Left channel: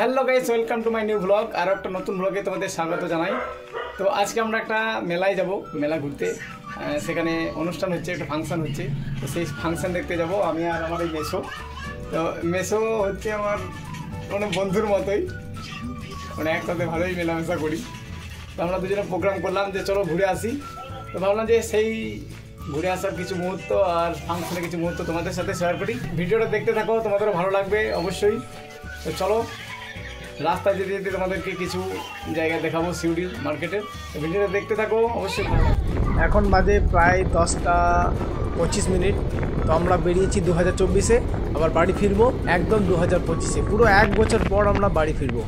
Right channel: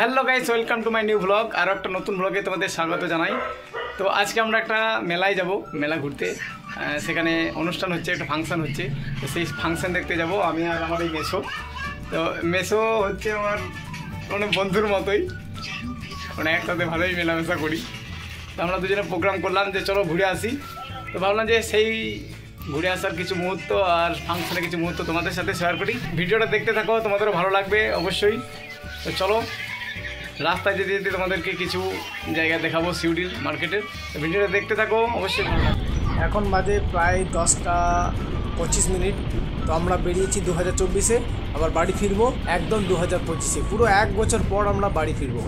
Hello guys, welcome to my new blog. আরও একটা নতুন ব্লগে তোমাদের স্বাগত জানাই। তো আজকে আমরা একটা মেলায় যাব, মেলা ঘুরতে। সেখানে অনুষ্ঠান হচ্ছে, একটা ফাংশান হচ্ছে। তো সেই ফাংশান দেখতে যাব আমি আর আমার এই মেসো। তো মেসো হচ্ছে আমার মানে বন্ধুর মতোই, মানে একসাথে ভালোই মেলামেশা করি। তো আমরা দুজনে প্রোগ্রাম করলাম যে চলো ঘুরে আসি। তো ভাবলাম যে সেই ঘুরে আসার কিছু মুহূর্ত আর ফাংশনের কিছু মুহূর্ত তোমাদের সাথে শেয়ার করি। ভিডিওটা দেখতে থাকো, তোমাদেরও ভালো লাগবে অবশ্যই। তো চলো, রাস্তায় যেতে যেতে তোমাদেরকে কিছু জায়গা দেখাবো সিউড়ির মার্কেটের। ভিডিওটা দেখতে থাকো, অবশ্যই ভালো লাগবে। এখন বাজে প্রায় 10টা 25 তো আমরা বেরিয়েছি 2024-এ, আবার বাড়ি ফিরবো একদম 2025-এ। পুরো 1 বছর পর আমরা বাড়ি ফিরবো।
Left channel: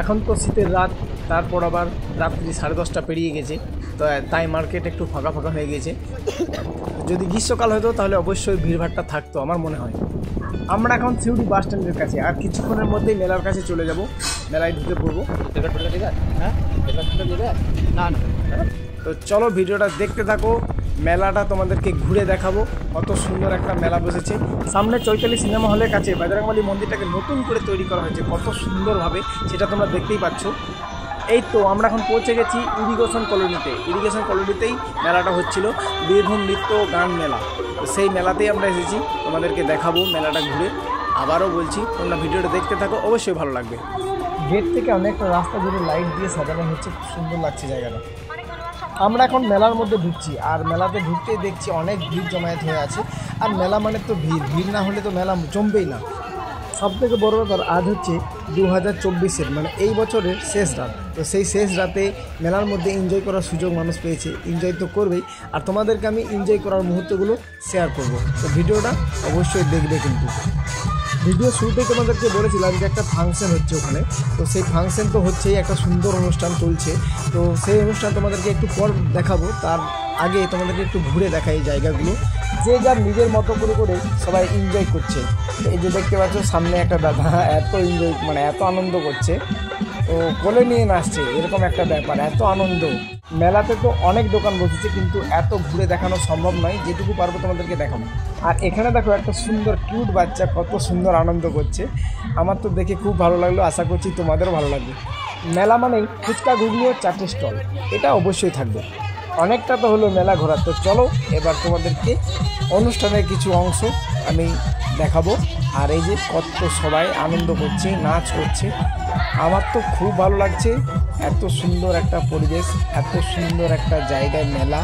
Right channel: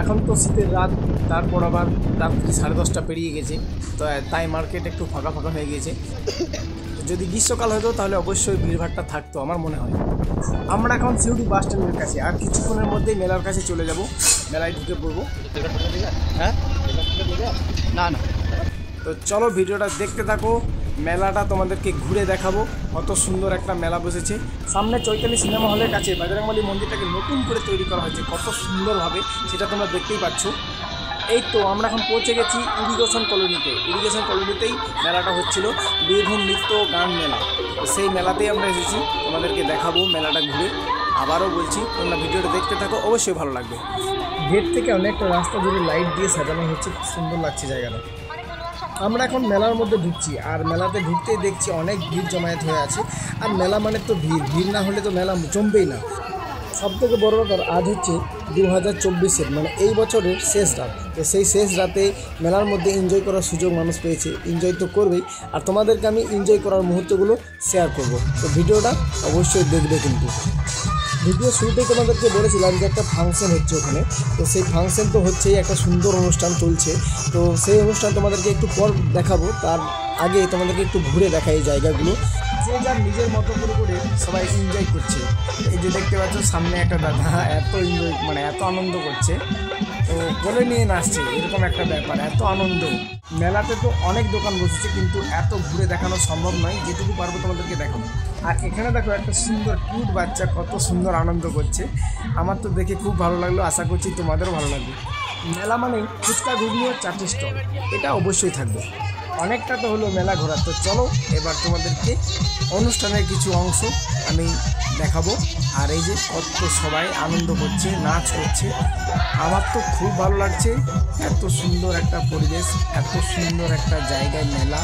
এখন তো শীতের রাত, তারপর আবার রাত্রি 10:30 পেরিয়ে গেছে। তো তাই মার্কেট একটু ফাঁকা ফাঁকা হয়ে গেছে। যদি গ্রীষ্মকাল হতো তাহলে অবশ্যই ভিড়ভাড়টা থাকতো আমার মনে হয়। আমরা এখন সিউড়ি বাস স্ট্যান্ডের কাছে, আর কিছুক্ষণের মধ্যেই মেলার কাছে চলে যাব, মেলায় ঢুকে পড়বো। হ্যাঁ না না, তো চলো ভিডিওটা দেখতে থাকো। মেলাটা তোমাদেরকে ঘুরে দেখাবো, কত সুন্দর একটা মেলা বসেছে। সামনে চৈতালি সিনেমা হলের কাছে বজরংবলী মন্দিরটাকে নতুন করে তৈরি করা হয়েছে কত সুন্দরভাবে, সেটা তোমরা দেখতেই পাচ্ছ। এই তো আমরা এখন পৌঁছে গেছি ইরিগেশন কলোনিতে। ইরিগেশন কলোনিতেই মেলাটা হচ্ছিল, বীরভূম নৃত্য গান মেলা। তো সেই মেলাতেই আমরা এসেছি, তোমাদেরকে দেখাবো মেলাটা ঘুরে। আবারও বলছি, তোমরা ভিডিওটা দেখতে থাকো, অবশ্যই ভালো লাগবে। গেট থেকে অনেকটা রাস্তা জুড়ে লাইট দিয়ে সাজানো হচ্ছে, খুব সুন্দর লাগছে জায়গাটা। আমরা এখন মেলার মধ্যে ঢুকছি, আর মেলাতে ঢুকতেই দেখছি অনেক ভিড় জমায়েত হয়ে আছে। আর মেলা মানে তো ভিড়, ভিড় না হলে তো মেলা জমবেই না। সবথেকে বড় ব্যাপার, আজ হচ্ছে 2024-এর মানে এই বছরের শেষ রাত। তো সেই শেষ রাতে মেলার মধ্যে এনজয় করার সুযোগ মানুষ পেয়েছে, এনজয় তো করবেই। আর তোমাদেরকে আমি এনজয় করার মুহূর্তগুলো শেয়ার করব। তো ভিডিওটা অবশ্যই দেখবে। কিন্তু ভিডিও শুরুতেই তোমাদেরকে বলেছিলাম যে একটা ফাংশন হচ্ছে ওখানে। তো সেই ফাংশন তো হচ্ছেই, একটা সুন্দর অনুষ্ঠান চলছে। তো সেই অনুষ্ঠান তোমাদেরকে একটু পর দেখাবো, তার আগে তোমাদেরকে একটু ঘুরে দেখাই এই জায়গাগুলো। যে যার নিজের মতো করে করে সবাই এনজয় করছে। এই যে দেখতে পাচ্ছ সামনে একটা দাদা এত এনজয়, মানে এত আনন্দ করছে, তো কোলে নিয়ে নাচছে, এরকম একটা ব্যাপার, এত আনন্দ। মেলাতে তো অনেক দোকান বসেছে, কিন্তু এত ঘুরে দেখানো সম্ভব নয়, যেটুকু পারবো তোমাদেরকে দেখাবো। আর এখানে দেখো একটা সুন্দর কিউট বাচ্চা কত সুন্দর আনন্দ করছে। আমার তো দেখে খুব ভালো লাগলো, আশা করছি তোমাদেরও ভালো লাগবে। মেলা মানেই ফুচকা ঘুগনি ও চাটের স্টল, এটা অবশ্যই থাকবে। অনেকটা তো হলো মেলা ঘোরা। তো চলো এবার তোমাদেরকে অনুষ্ঠানের কিছু অংশ আমি দেখাবো। আর এই যে কত সবাই আনন্দ করছে, নাচ করছে, আমার তো খুব ভালো লাগছে। এত সুন্দর একটা পরিবেশ, এত সুন্দর একটা জায়গায় মেলা,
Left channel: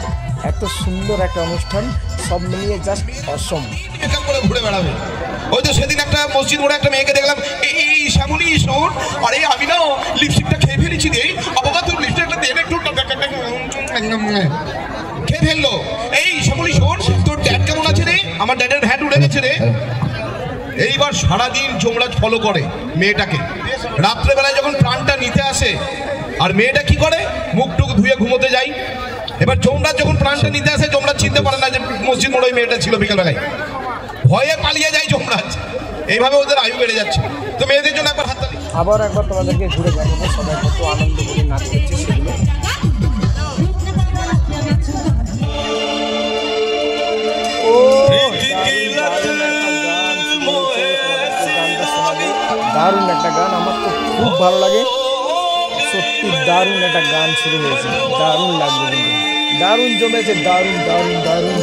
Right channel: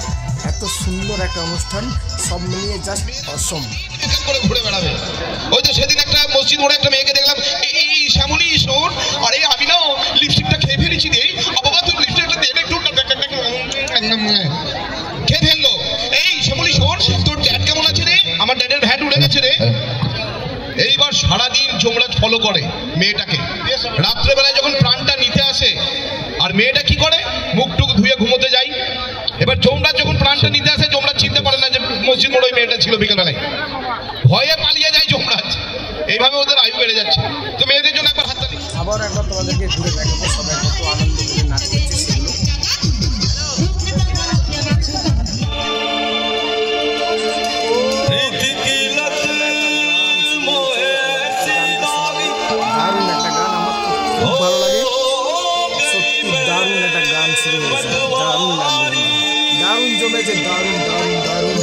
এত সুন্দর একটা অনুষ্ঠান, সব মিলিয়ে জাস্ট অসম। ঘুরে বেড়াবে। ওই তো সেদিন একটা মসজিদ মোড়ে একটা মেয়েকে দেখলাম, এই শ্যামলী শোন, আরে আমি না লিপস্টিকটা খেয়ে ফেলেছি রে, বাবা তুই লিপস্টিকটা দিয়ে একটু খেয়ে ফেললো। এই শ্যামলী শোন, তোর ড্যাড কেমন আছে রে? আমার ড্যাডের ভ্যাট উড়ে গেছে রে। এইবার সারাদিন যমরাজ ফলো করে মেয়েটাকে, রাত্রেবেলায় যখন প্রাণটা নিতে আসে, আর মেয়েটা কি করে, মুখ টুক ধুয়ে ঘুমোতে যায়। এবার যমরাজ যখন প্রাণটা নিতে আসে, যমরাজ চিনতে পারে না যে মসজিদ মোড়ে মেয়েটা ছিল বিকালবেলায়, ভয়ে পালিয়ে যায় যমরাজ। এইভাবে ওদের আয়ু বেড়ে যাচ্ছে। তো মেয়েদের জন্য একবার হাতটা দিই। আবার একবার তোমাদেরকে ঘুরে দেখাবো সবাই কত আনন্দ করে নাচ করছে সেগুলো। দারুণ একটা গান, আমার তো খুব ভালো লাগে, সত্যি দারুণ একটা গান শুরু হয়েছে, দারুণ লাগবে, দারুণ জমেছে, দারুণ দারুণ দারুণ।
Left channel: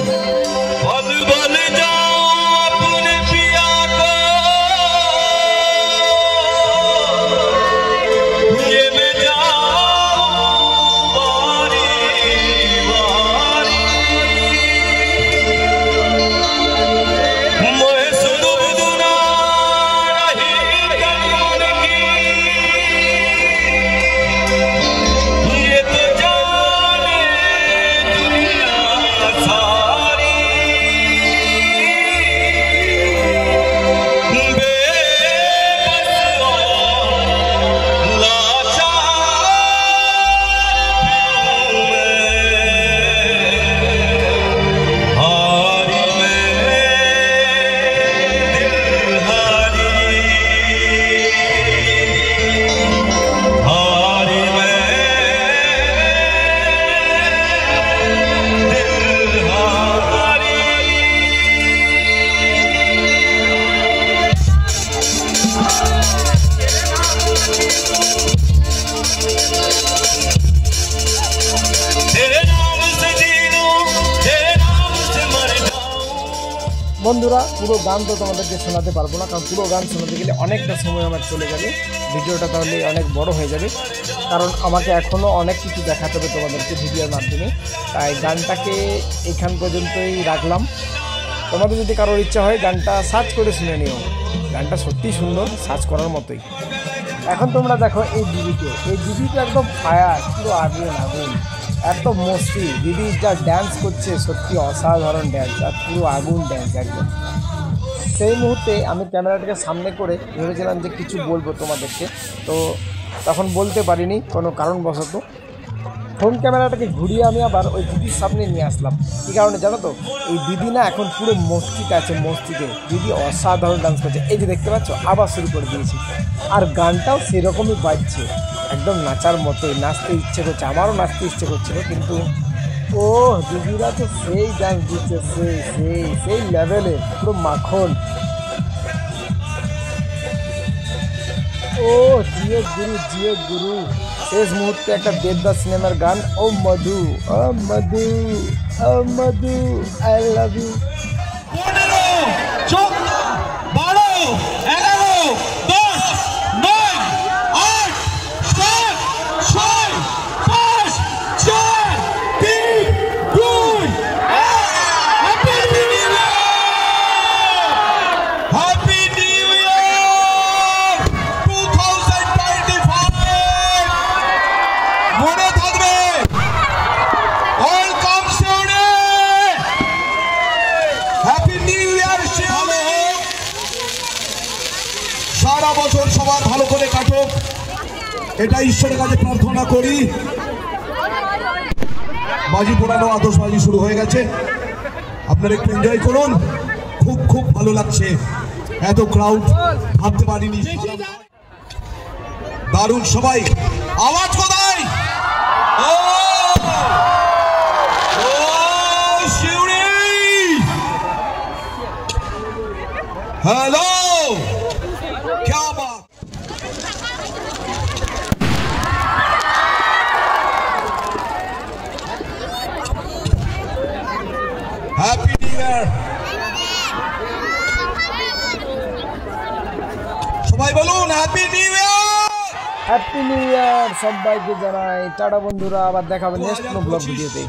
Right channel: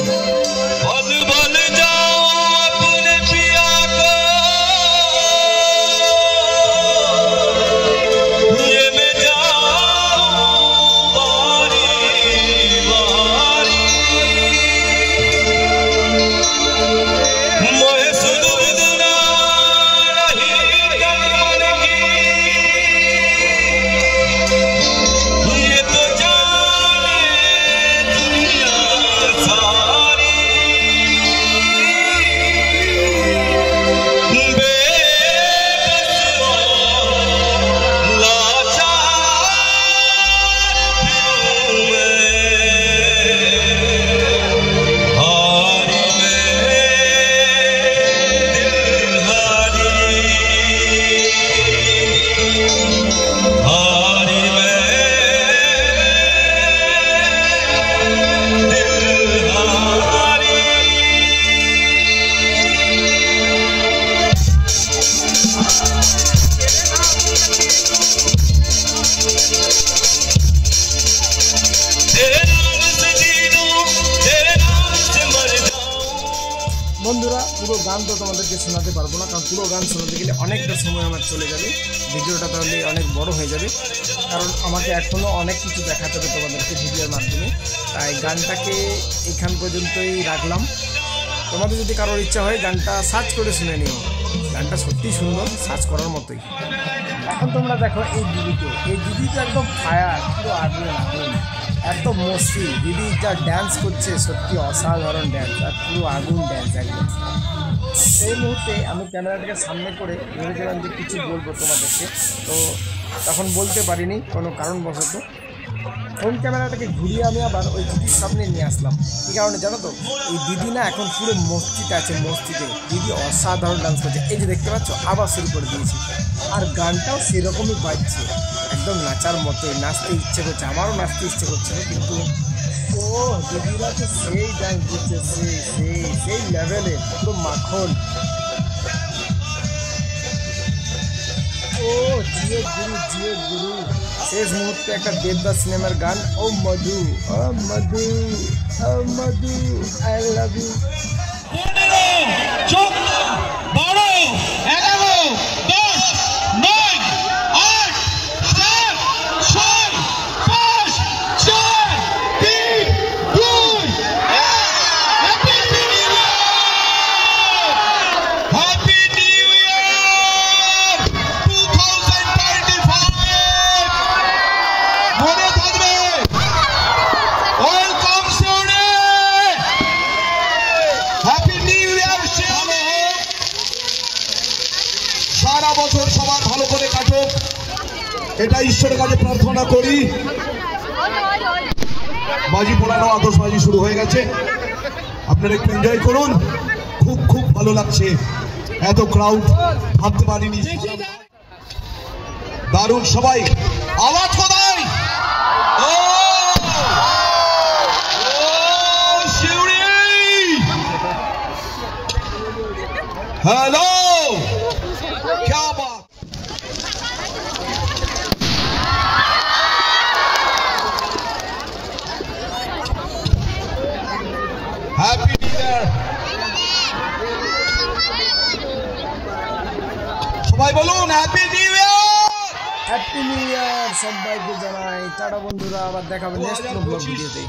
বন্ধুরা, পুরো গান তো তোমাদেরকে শোনাতে পারবো না, কারণ পুরো গান শোনাতে গেলে অনেকটা সময় আমার চলে যাবে, ভিডিওটা তাহলে অনেক বড় হয়ে যাবে, কারণ আমাকে এখনও অনেক কিছু দেখাতে হবে তোমাদেরকে ভিডিওর মাধ্যমে। তাই গানটাকে এখান পর্যন্তই রাখলাম। তোমাদের যদি কারোর ইচ্ছা হয় গানটা সার্চ করে শুনে নিও, গানটা সত্যিই সুন্দর, সার্চ করার মতোই। এখন তোমরা দেখো এই দিদিকে, এই দিদি তো একদম ফায়ার, পুরো আগুন আগুন, এত মস্তি। দিদি যা ড্যান্স করছে সত্যি অসাধারণ ড্যান্স, আর পুরো আগুন ড্যান্স একদম। সেই মুহূর্তে আমি ক্যামেরাটাকে সামনে করে ভেবেছিলাম যে কিছু বলবো তোমাদেরকে, তো তখন বলতে পারিনি কোনো কারণবশত। ফোন ক্যামেরাটাকে ঘুরিয়ে আমি আবার ওই দিদির সামনে নিয়ে আসলাম। কী কারণে জানো তো? ওই দিদি না এখন পুরো মস্তিতে আছে, মস্তিতে। দিদি অসাধারণ ডান্স করছে, এই যে দেখতে পাচ্ছ আবার শুরু করে দিয়েছি, আর গানটাও সেরকমই বাজছে, একদম নাচার মতোই, নাচতে ইচ্ছে করছে, আমারও নাচতে ইচ্ছে করছিল, কিন্তু ও দিদিরা তো সেই ডান্স দিচ্ছে, সেই লেভেলে, পুরো মাখন। ও জিও গুরু, জিও গুরু। শেষ মুহূর্তে একটা দেবদাস সিনেমার গান, ও মধু, ও মধু, ও মধু, I love you. 15, 14, 12, 11, 10, 9, 8, 7, 6, 5, 4, 3, 2, 1. Happy New Year! Happy New Year 2025! মনে থাকবে, ওয়েলকাম শিউরে, হ্যাপি নিউ ইয়ার শিউরে। সারা বছর সবার ভালো করে কাটুক, এটা ঈশ্বরের কাছে প্রার্থনা করি। বাজি পোড়ানো, আতশবাজি শুরু হয়ে গেছে, আপনারা একটু এনজয় করুন। খুব খুব ভালো লাগছে, এত ক্রাউড ভাবতে পারিনি। দারুণ সবাই, আওয়াজ কোথায়? ও শিউরে, হ্যালো, क्या बात। হ্যাপি নিউ ইয়ার, সবাই বলুন happy new year. Happy new year সবাইকে জানাই। টাটা বন্ধুরা, আবার দেখাবে নেক্সট কোনো ব্লগ ভিডিওতে।